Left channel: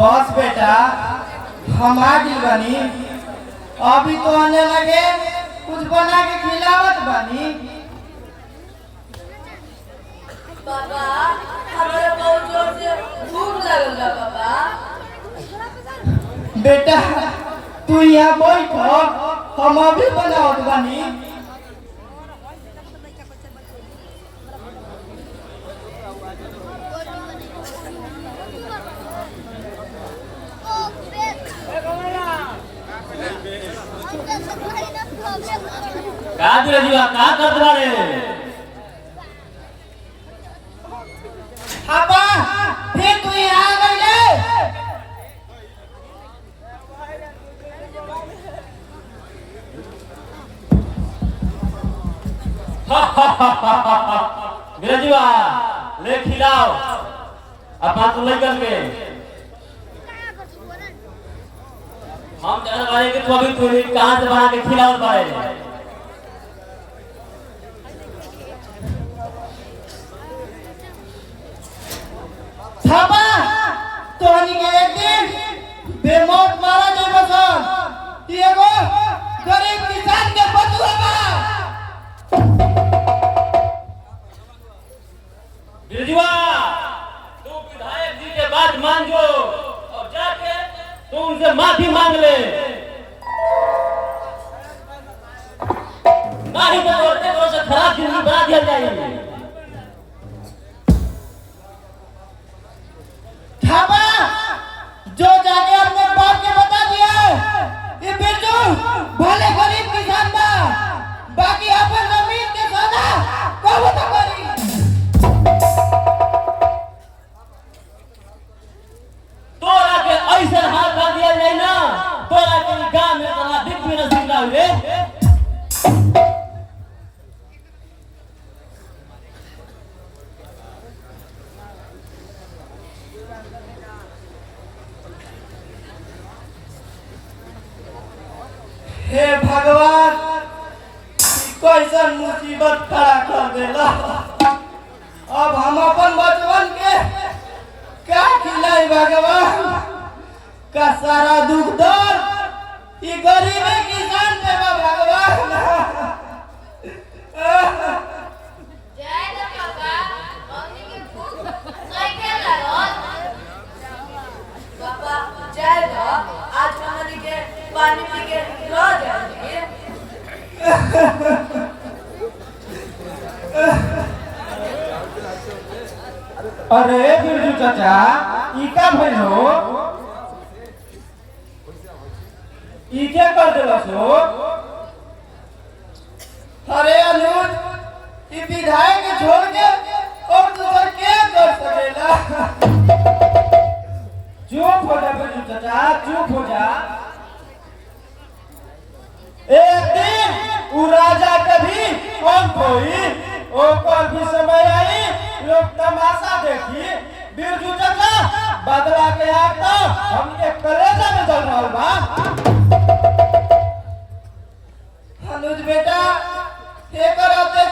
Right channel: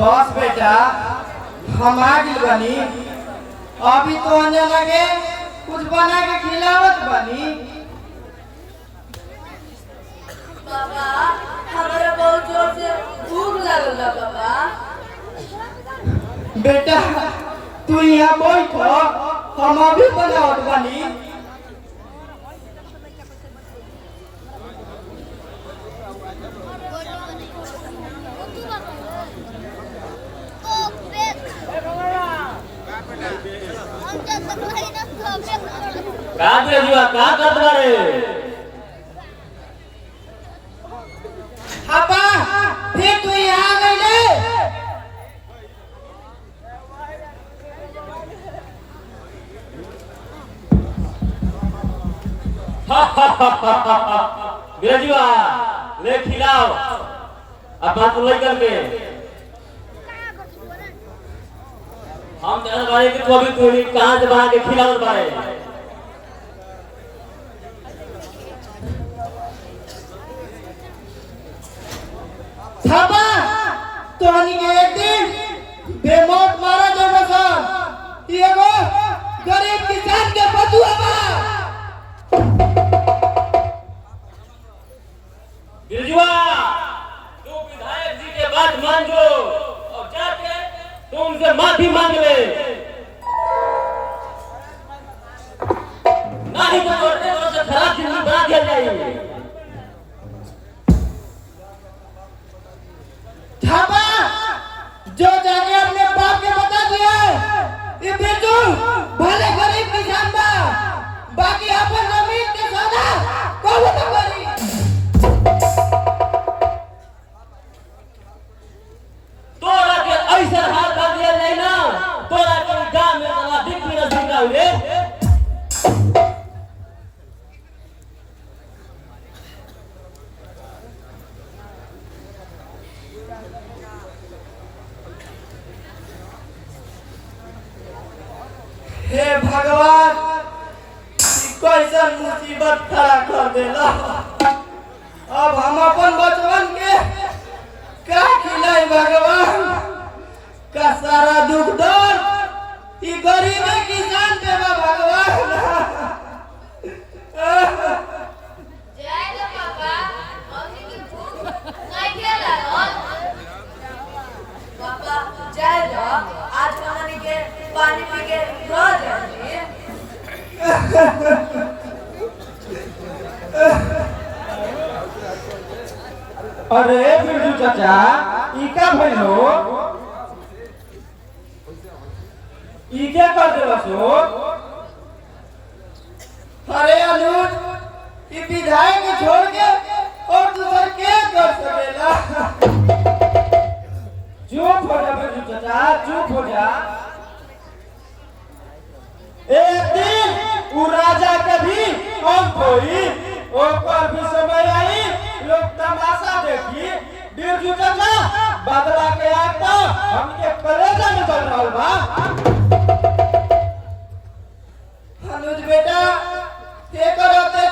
बस बेटा हम आ गई बनी। अभी तो आने लगे कुछ बना के खिलावत बनी। बाबा हमारा बहुत जोर से भूख लगल है बाबा। बेटा तू यहाँ बैठो हम अभी बनावत बनी। अब्बा फिर तू यहाँ आ गई। बिरजुआ ले खिलाओ अब बात लेकर के हम चला भाई के तो भी तू कहां से भाग के खिलाओ करे। साबा तोनी के एक दिन बेमौत मारा देना सा ये वो गरीब किसान के बदुआ बा। बिरजुआ तू विधायक जी के बात मान लो और जाके तू उनसे माफी मांग ले। नहीं तो और से खराब दिन बना दिया जाएगा। थाबा जो जाने हमने बात के बता दिया ये बिरजू भले गरीब किसान बा बाकी अपन जमीन के सौदा कबूल न करी। तोरा के ऐसे हाल कर दिया जाए ना तोरा के गांव में वाला दिख भी न दिखा हुए। हे भगवान कैसन मुसीबत खड़ा कर देला। अब हम अपन बचपन के क्या खिलाई भगवान का सारा दुख दर्द ये गरीब किसान देवा भगवान। जय लो बाबा हमनी के भूख नहीं के लागल। बाबा जय लो आज हमनी के पानी पी के रह जाइए। अरे बिरजू चाचा ई का भइलो ई क्या कर देलसो। अरे अनुज ई विधायक छोड़ के और दूसर के कर सकेला। चुप हो जा बिरजू चाचा चुप हो जा। एक दिन वो राजा के भी अंत होई ऊपर भी समय आई लोग तमाशा देखी। बिरजू चाचा बदला के आग तो हमके करेजा में चल रहा बा। अनुज बेटा ये करोते